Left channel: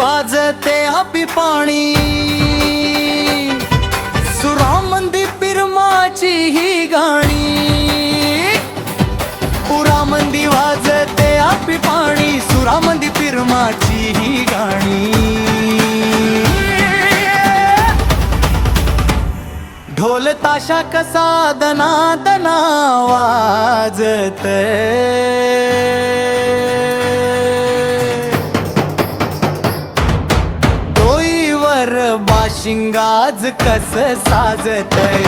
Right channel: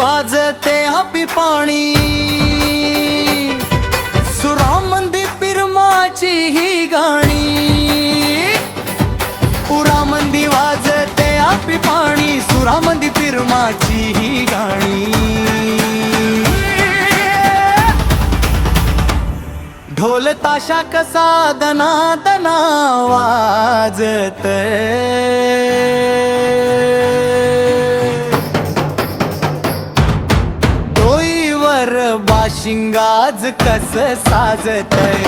वाजते हापी पाणी, सुरामंदी पिरमाची ही गाणी. पुरामंदी वाजते हापी पाणी, सुरामंदी पिरमाची ही गाणी. ढोल ताशा कसा दना दना वाजतय, डोईवर बाशिंगाज कस साजतय.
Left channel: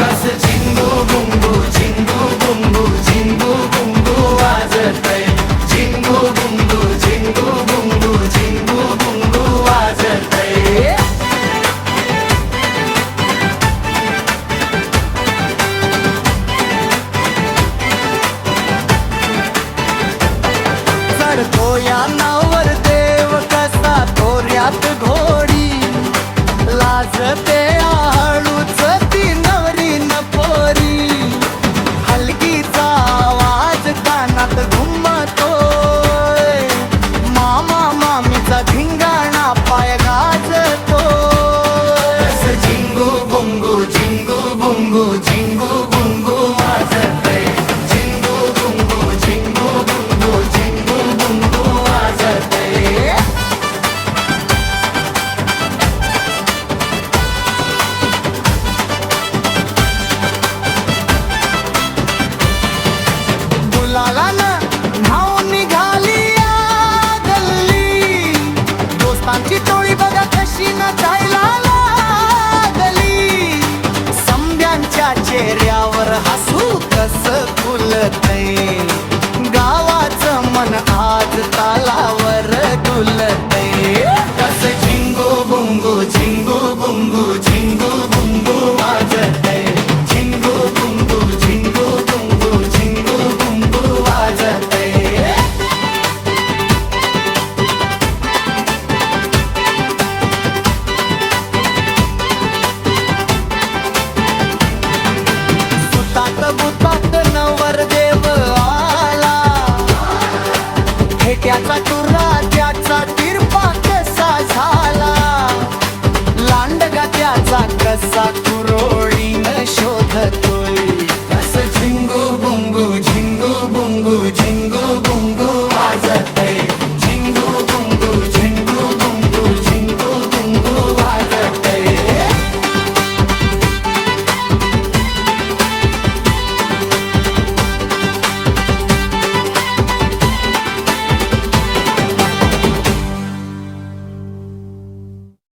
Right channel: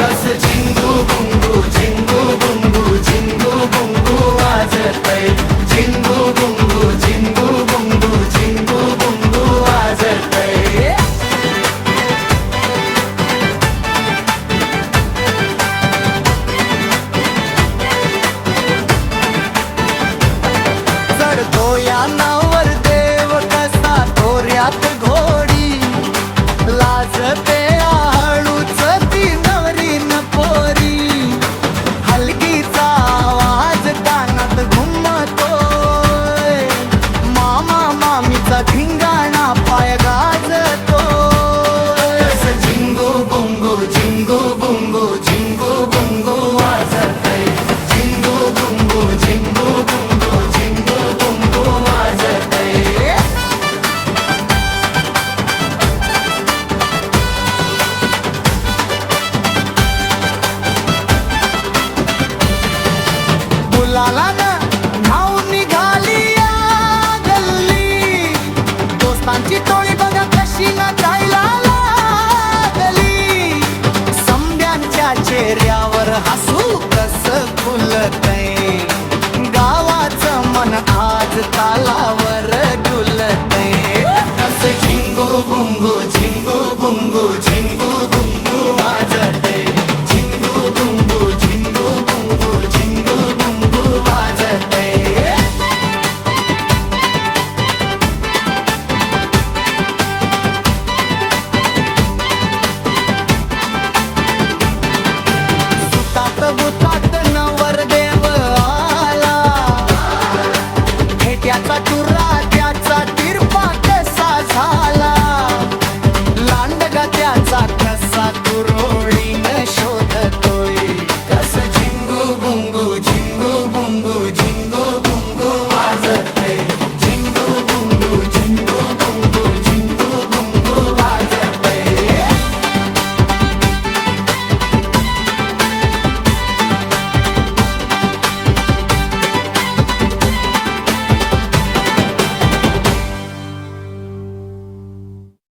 कस झिंगू बुंगू झिंगू बुंगू झिंगू बुंगू वाजतय. झिंगू बुंगू झिंगू बुंगू झिंगू बुंगू वाजतय. चढतो या नावर देव कसा तोऱ्यात घोडी, लाजते हळूच ती नवरी न पोरी. हलकीचा आवाज कानात घुमतोय, मामा मामीचा धिंगाणा पाय गाजतोय. झिंगू बुंगू झिंगू बुंगू झिंगू बुंगू वाजतय. झिंगू बुंगू झिंगू बुंगू झिंगू बुंगू वाजतय. बुलाला ना नाव निघाली या गल्ली, दोस्तांची टोळी बघा कशी नाचायला लागली. समद्यांच्या चेहऱ्यावर हसू कस खुलतय, गावाचं मन आज तालावर डुलतय. कस झिंगू बुंगू झिंगू बुंगू झिंगू बुंगू वाजतय. झिंगू बुंगू झिंगू बुंगू झिंगू बुंगू वाजतय. सुतात बुतात नवरदेव आला, हेट्याचा टुर्रा त्याचा तिरपा कसा झाला. लांडगा त्याचा कसा कुरोळीन शोधतो,